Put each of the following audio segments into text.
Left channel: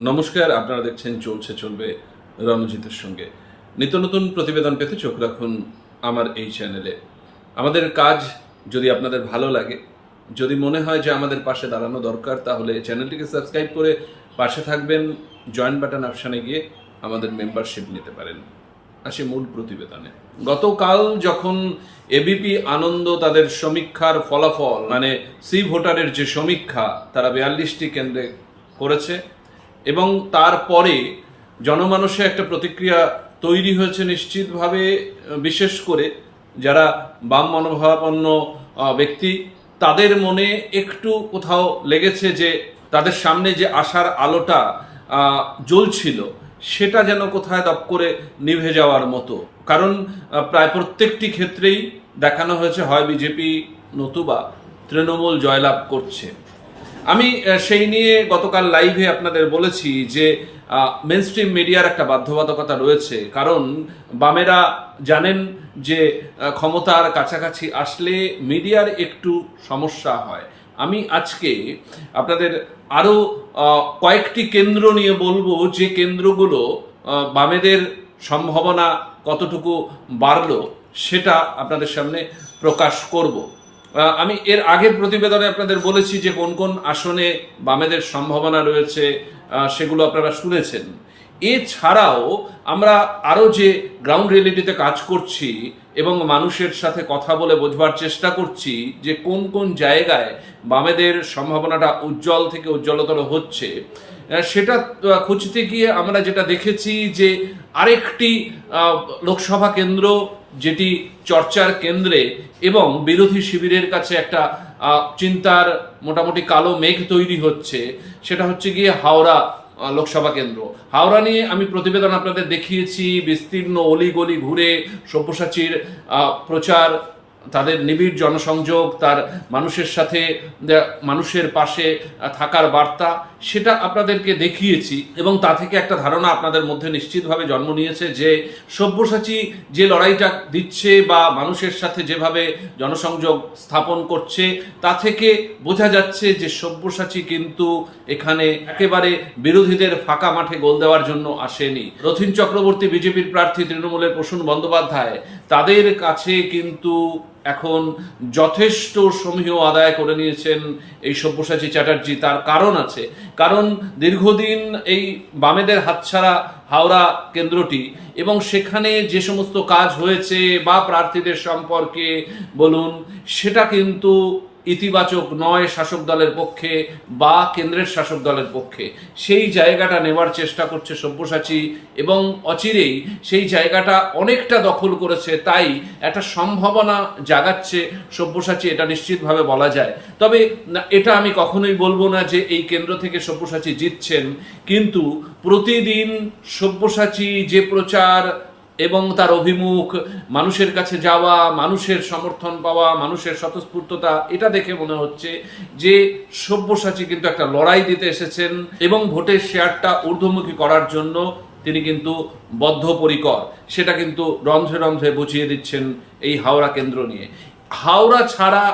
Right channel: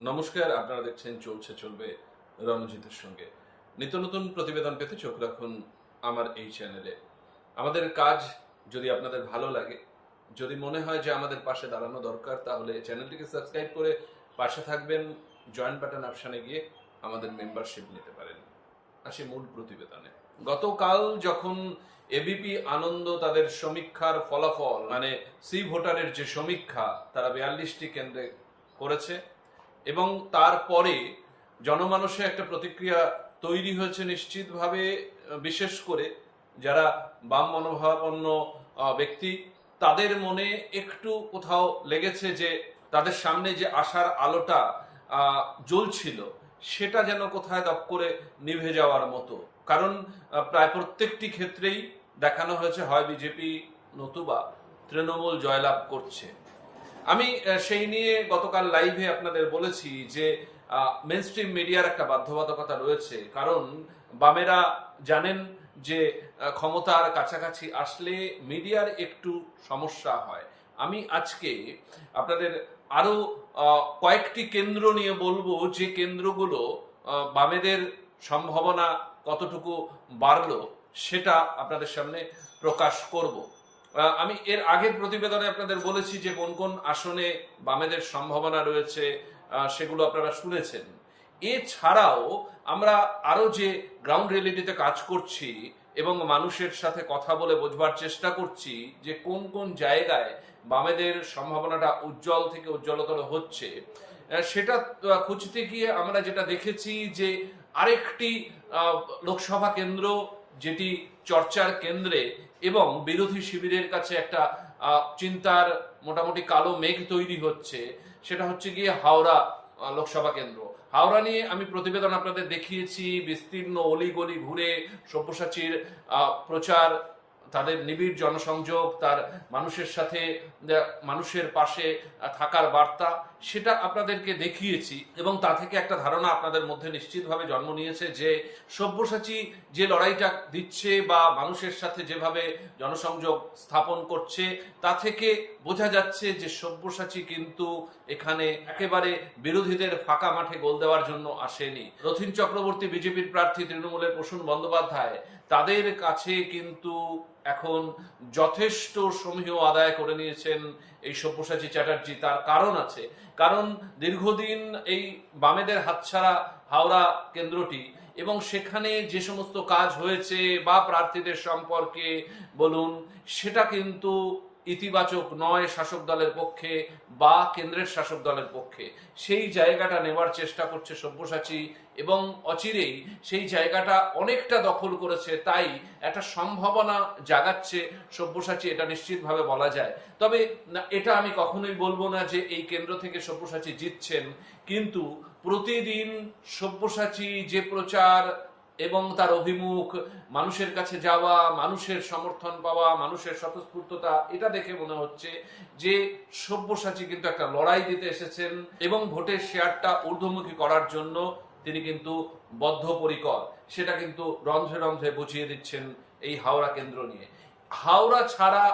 নমস্কার, আপনারা দেখছেন চলছে চলবে রণজিতের সঙ্গে। নিত্য নতুন প্রতিবেদন পেতে চোখ রাখুন আমার এই চ্যানেলে। আমাদের কাজ যদি আপনাদের ভালো লাগে, যদি মনে হয় যে আমাদের পাশে দাঁড়ানো দরকার, তাহলে চ্যানেলটিকে সাবস্ক্রাইব করে পাশে থাকবেন জয়েন্ট বাটন অপশানে গিয়ে আমাদের মেম্বারশিপ নিতে পারেন। আসি মূল প্রতিবেদনে। গতকাল যখন এবিপি আনন্দ তাদের সমীক্ষার ফলাফল মানে সি ভোটারের যে সমীক্ষা, তারা বিয়াল্লিশটি কেন্দ্রে করেছে এবং তারপরে জনমানসে একটা প্রতিক্রিয়া তৈরি হয়েছে নিশ্চিতভাবে, বিশেষ করে যারা বাম মনোভাবাপন্ন ব্যক্তি, তাদের মনে একটু কোথাও লেগেছে যে তাদের সামনে যে আশার আলোটা জ্বলছিল, সেটা যেন কোথায় দপ করে নিভে যাওয়ার মতো। কারণ প্রায় প্রত্যেকটি ক্ষেত্রেই দেখানো হয়েছে হয় বিজেপি নতুবা তৃণমূল জয়লাভ করছে। আমি সেই নিয়ে গতকাল লাইভে আপনাদের বলেছি যে মেন স্ট্রিম মিডিয়ার একটা বাধ্যবাধকতা রয়েছে। কারণ, বামেরা জানেন যে ক্ষমতার কাছাকাছি আসলে মিডিয়ার একটু সমস্যা হয়। আমি আজকে আপনাদের আরও কয়েকটি কেন্দ্র নিয়ে বলব যে কেন্দ্রগুলো বামেদের সম্ভাবনা কতটুকু বাড়লো সেটা আপনাদের সামনে প্রকাশ করব। আমি এর আগের প্রতিবেদনে আপনাদের বলেছি যে কোন কোন আসনে বামেদের সম্ভাবনা রয়েছে সেগুলো আপনারা শুনেছেন। এছাড়াও আমরা আরও যে গ্রাউন্ড রিয়েলিটিতে কাজ করছি এবং মানুষের সাথে কথা বলে বোঝবার চেষ্টা করছি যে কোন কোন জায়গায় বামেদের সম্ভাবনাটা উজ্জ্বল থেকে উজ্জ্বলতর হচ্ছে সেটা খুঁজতে গিয়ে আমরা যেটা দেখেছি যে আরেকটি লোকসভা কেন্দ্র যেটি চর্চার কেন্দ্রে এবং বিরোধী শিবিরের কাছে একটা চিন্তার মোটামুটি কালো মেঘ তৈরি হচ্ছে, সেটা হচ্ছে গিয়ে হাওড়া লোকসভা কেন্দ্র। হাওড়া নিয়ে আমি প্রতিবেদন আপনাদের দেখিয়েছি, বিস্তীর্ণ অলিগলি ঘুরে সব্যসাচীর প্রচার তাদের নিবিড় জনসংযোগ, তার মানুষের সাথে মানুষের পাশে থাকার বার্তা, সেটা আপনাদেরকে দেখিয়েছি এবং তা থেকে একটা ধারণা আপনাদের মধ্যে নিশ্চিতভাবে জন্ম নিয়েছে যে সব্যসাচী যে লড়াইটা দিচ্ছে বা মানুষের সাথে যেভাবে জনসংযোগ স্থাপন করছে, তা থেকে বোঝা যাচ্ছে যে সব্যসাচী কিন্তু এখানে একেবারে বিরোধীদের ফাঁকা মাঠে গোল দেওয়ার জন্য আসেনি। রথিন চক্রবর্তী, বিজেপির প্রার্থী তৃণমূলের প্রসূন বন্দ্যোপাধ্যায়, তাদের কাছে কিন্তু এখন যথেষ্ট সমীহ আদায় করে নিয়েছেন এই সব্যসাচী চ্যাটার্জি। তার কারণ আছে। কারণ দীর্ঘদিন এই বামেদের হাতছাড়া হাওড়া কেন্দ্রটি এবং সেখানে যে সমস্ত কাজ হয়েছে বা প্রার্থীদের সম্পর্কে বলুন, সেটা কিন্তু ইতিবাচক নয় শাসক দলের পক্ষে বা কেন্দ্রের শাসক দলের পক্ষে। সেই জায়গাটা নেওয়ার চেষ্টা করছে সব্যসাচী এবং অচিরেই সেই জায়গাটা অনেকটা দখল করেছে, তাই একটা সম্ভাবনা জাগাচ্ছে সব্যসাচী, এটা নিশ্চিতভাবে বলা যায়। তবে এটা আমি কখনোই বলব না যে এই কেন্দ্র থেকে সব্যসাচী জিতছেন, কিন্তু প্রতিদিন সব্যসাচী যে প্রচার এবং তার অভিমুখ, মানুষের কাছে যাওয়া, মানুষের সমর্থন পাওয়া, মানুষের স্বতঃস্ফূর্ততা, এটা দেখে মনে হচ্ছে যে সব্যসাচী কিন্তু একটা লড়াই দিতে এসেছেন এবং ভোটের শেয়ারটা ঊর্ধ্বমুখী করার জন্য তিনি কিন্তু বদ্ধপরিকর। সেটা কিন্তু রন্ধ্রে রন্ধ্রে বুঝিয়ে দিচ্ছেন এই হাওড়া কেন্দ্র নিয়ে। হাওড়া ছাড়া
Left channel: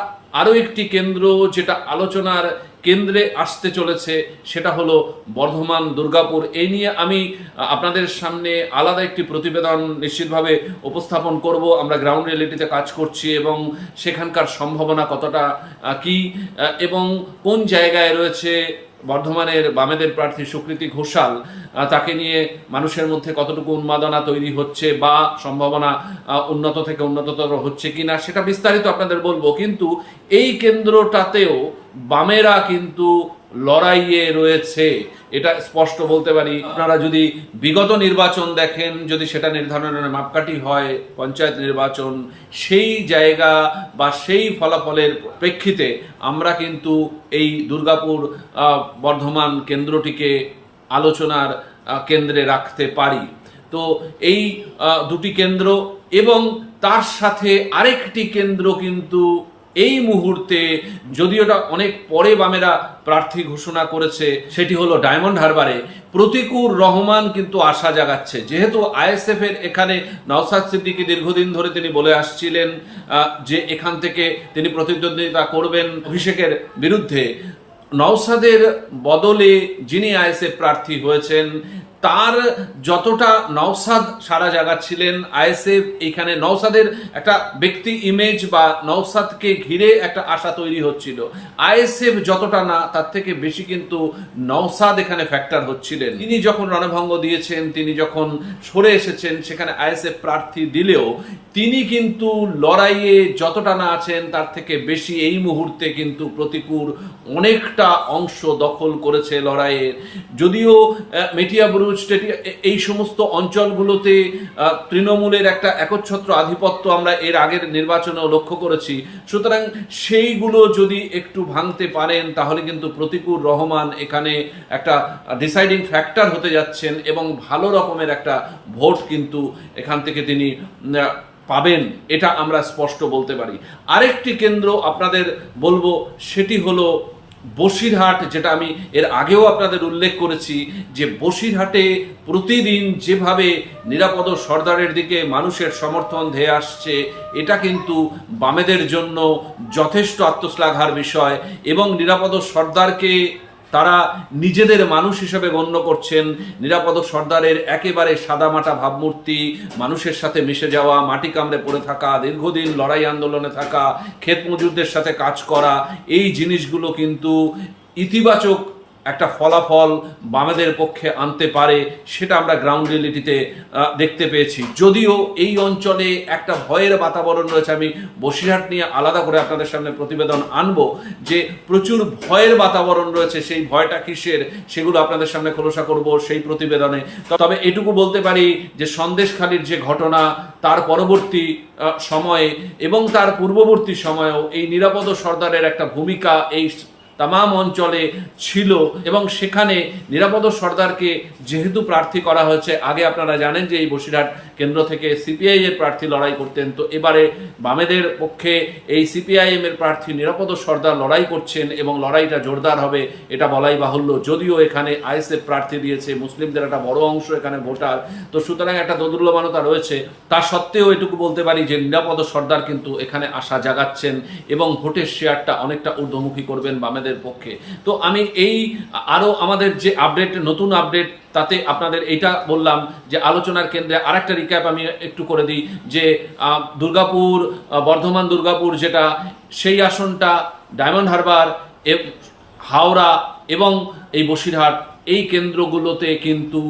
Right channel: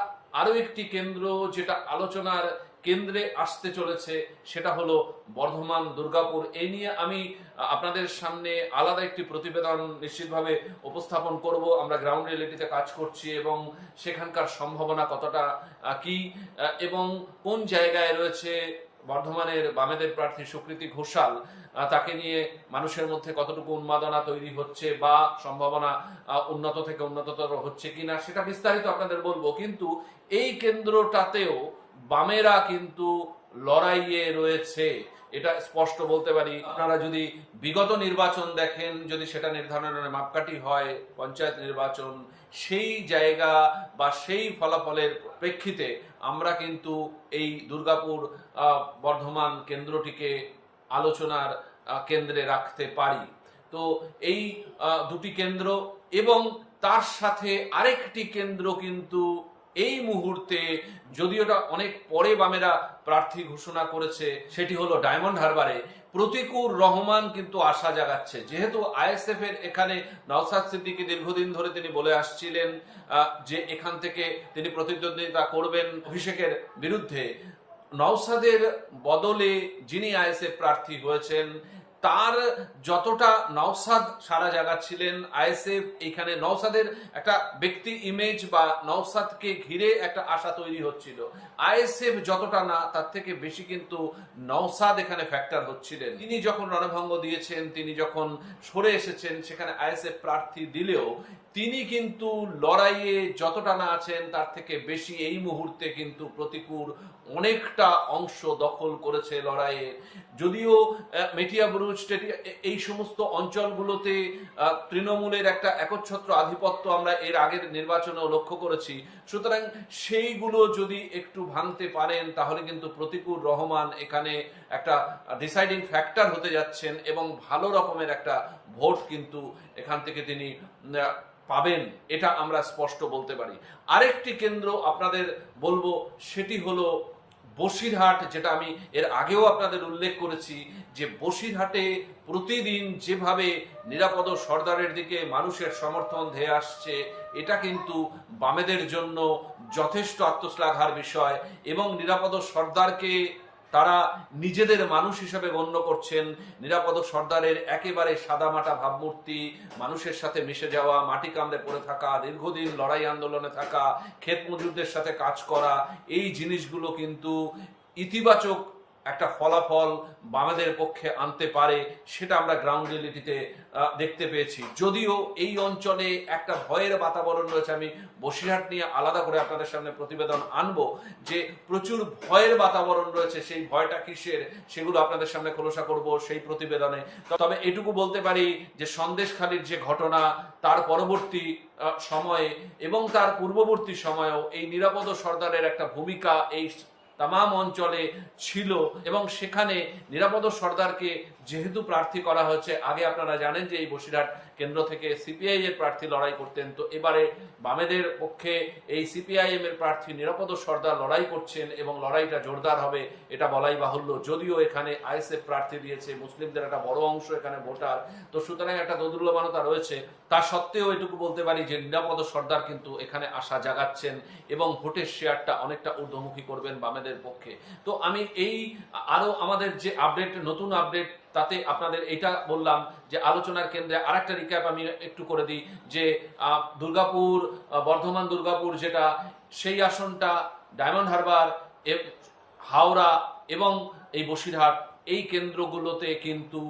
আরও একটি কেন্দ্র যেটা আলোচনার কেন্দ্রে আসতে চলেছে, সেটা হলো বর্ধমান, দুর্গাপুর। এই নিয়ে আমি আপনাদের সামনে আলাদা একটি প্রতিবেদন নিশ্চিতভাবে উপস্থাপন করব। আমরা গ্রাউন্ড রিয়েলিটিতে কাজ করছি এবং সেখানকার সম্ভাবনা কতটা কি এবং কোন জায়গায় রয়েছে বর্ধমানের বামেদের প্রার্থী সুকৃতি ঘোষাল তাকে নিয়ে মানুষের মধ্যে কতটুকু উন্মাদনা তৈরি হচ্ছে বা সম্ভাবনা উন্নত থেকে উন্নততর হচ্ছে কিনা, সেটা বিস্তারিত আপনাদের বলব। কিন্তু এই কেন্দ্রটাতেও বামেরা কিন্তু লড়াইয়ে রয়েছে, এটা স্পষ্ট বলতে পারি। আপনারা যদি বিগত নির্বাচন দেখেন, যদি সেটা নির্ধারণের মাপকাঠি হয়, পঞ্চায়েত নির্বাচন, সেই জায়গা বা সেই ফলাফলের প্রেক্ষিতে আমরা কিন্তু এই দুর্গাপুর বর্ধমান কেন্দ্রটিকে আলোচনার কেন্দ্রে রাখতে পারি। তো এই দুটি কেন্দ্র এবং তার সাথে আরেকটি কেন্দ্র কিন্তু এই মুহূর্তে যদিও অনেক পরে বামেরা প্রার্থী ঘোষণা করেছে, সেটি হলো ডায়মন্ড হারবারে, প্রতিকুর রহমান কিন্তু আশা জাগাচ্ছে। যেহেতু আইএসএফ এর এখানে নওসাদ সিদ্দিকী দীর্ঘদিন ধরে তিনি বলে আসছিলেন যে এখান থেকে তিনি প্রতিদ্বন্দ্বিতা করবেন অভিষেকের বিরুদ্ধে নওসাদের বদলে যিনি আইএসএফ প্রার্থী হয়েছেন তার যতটা নওসাদ সারা জায়গা ছিলেন আইএসএফ এখানে নওসাদের একটা ব্যক্তি ইমেজ বা নওসাদকে ঘিরে একটা আশা তৈরি হচ্ছিল। আইএসএফ যতটা না তার থেকে বেশি কিন্তু নওসাদ এখানে ফ্যাক্টর হচ্ছিলেন। তিনি যখন রণভঙ্গ দিয়েছেন তিনি যখন সরে এসেছেন সেখানে আইএসএফ প্রার্থী দিলেও তিনি কিন্তু লড়াইয়ে যতটা না আছেন তার থেকে বেশি এই মুহূর্তে কিন্তু প্রতিকূল অনেকটা অংশ দখল করেছে লড়াইয়ের যদিও আহ, এ- এই সমস্ত অঞ্চলগুলোতে তৃণমূলের একটা একচ্ছত্র আধিপত্য আমরা এর আগের নির্বাচনেও লক্ষ্য করেছি। সুতরাং সেইগুলো যদি একটু ভাঙতে পারেন, তাহলে কিন্তু প্রতিকূল রহমান এখানে একটা ডিসাইডিং ফ্যাক্টর হতে যাচ্ছেন এবং ভালো রকমের একটা ভোট কিন্তু এখান থেকে তিনি পাবেন। এটা আমরা স্পষ্ট বলতে পারি। আরেকটি কেন্দ্র আপনাদের বলব, সেটি হলো বসিরহাট, যেটা আমি এর আগেও আপনাদের উল্লেখ করেছি, যে বসিরহাটে প্রতিদিন যেভাবে নিরাপদ সর্দারের দিকে মানুষের সমর্থন ধেয়ে আসছে, এটা কিন্তু বামেদের জন্য যথেষ্ট আত্মশ্লাঘার বিষয় এবং নিরাপদ সর্দারকে তারা নিজেদের মানুষ হিসেবে গণ্য করছেন। নিরাপদ সর্দারের একেবারে সাদামাটা ভাবমূর্তি, মানুষের সাথে মিশে যাওয়া, মাটি কামড়ে পড়ে থাকা, দীর্ঘদিন লড়াই আন্দোলনে থাকা ক্ষেত মজুরদের সাথে কাজ করা, এই জিনিসগুলো কিন্তু ইতিবাচক একটা ফলাফল বামেদের পক্ষে আনতে পারে, সেটা আমরা গ্রাউন্ড রিয়েলিটিতে দেখতে পেয়েছি। যদিও এই অঞ্চলে একটা ভয়ের বাতাবরণ রয়েছে, আমি বসিরহাট নিয়ে আলাদা করে আপনাদের সামনে প্রতিবেদন আনব, যে প্রচুর ভয়ের বাতাবরণ রয়েছে, সেই ভয়টা কিসের, সেগুলো আপনাদের সামনে খোলসা করব সেই প্রতিবেদনে। তবে এটুকু বলতে পারি যে সন্দেশখালির যে ঘটনা, তার পরবর্তী সময়ে এবং তার পূর্ববর্তী সময়েও এই নিরাপদ সর্দারের একটা ভূমিকা, এই তামাম অঞ্চলে ছিল এবং সেখানে নিরাপদ সর্দারকে যেহেতু প্রার্থী করা হয়েছে, আগে আপনারা জানেন যে এই বসিরহাট কেন্দ্র থেকে সিপিআই এর প্রার্থী লড়াই করতেন। তো এবারে বামেদের পক্ষে এই সিপিআইএম এর প্রার্থী নিরাপদ সর্দার লড়াই করছেন এবং লড়াইটা জোরদার হবে, এটা বলাই বাহুল্য। যদিও এখানে আইএসএফ প্রার্থী দিয়েছে, মুসলিমদের একটা বড় অংশ এখানে ভোটার। তো সুতরাং একটা দোদুল্যমানতা রয়েছে। তা সত্ত্বেও এটুকু বলতে পারি যে নিরাপদ সর্দার কিন্তু এখানে আশা জাগাচ্ছেন এবং ভোটের শেয়ারটা অনেকটা ঊর্ধ্বমুখী করবেন বামেদের পক্ষে। তো আমি এই আরও আমাদের যে আপডেট নতুন আপডেট তাতে আপনাদের এটা বললাম যে আলোচনার কেন্দ্রে আরেকটা রিক্যাপ আমি একটু করে দিই, যে দুর্গাপুর বর্ধমান দুর্গাপুর যেটা, সেই আসনটা ডায়মন্ড হারবার হাওড়া এবং এই বসিরহাট, এই কেন্দ্রগুলোতে কিন্তু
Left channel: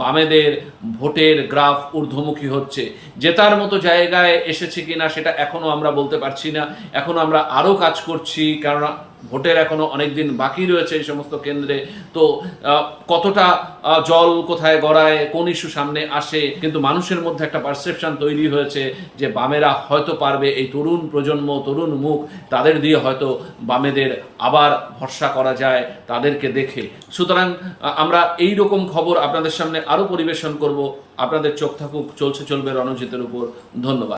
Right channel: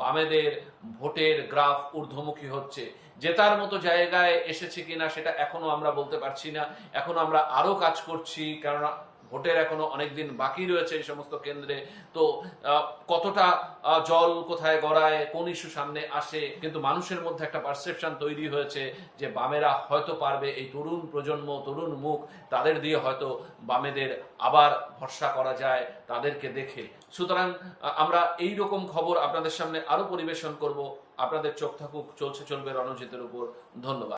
বামেদের ভোটের গ্রাফ ঊর্ধ্বমুখী হচ্ছে। জেতার মতো জায়গায় এসেছে কিনা সেটা এখনও আমরা বলতে পারছি না। এখনও আমরা আরও কাজ করছি কারণ ভোটের এখনও অনেক দিন বাকি রয়েছে এই সমস্ত কেন্দ্রে। তো কতটা জল কোথায় গড়ায়, কোন ইস্যু সামনে আসে, কিন্তু মানুষের মধ্যে একটা পারসেপশন তৈরি হয়েছে যে বামেরা হয়তো পারবে এই তরুণ প্রজন্ম, তরুণ মুখ, তাদের দিয়ে হয়তো বামেদের আবার ভরসা করা যায় তাদেরকে দেখে। সুতরাং আমরা এই রকম খবর আপনাদের সামনে আরও পরিবেশন করব। আপনাদের চোখ থাকুক, চলছে, চলবে রণজিতের উপর। ধন্যবাদ।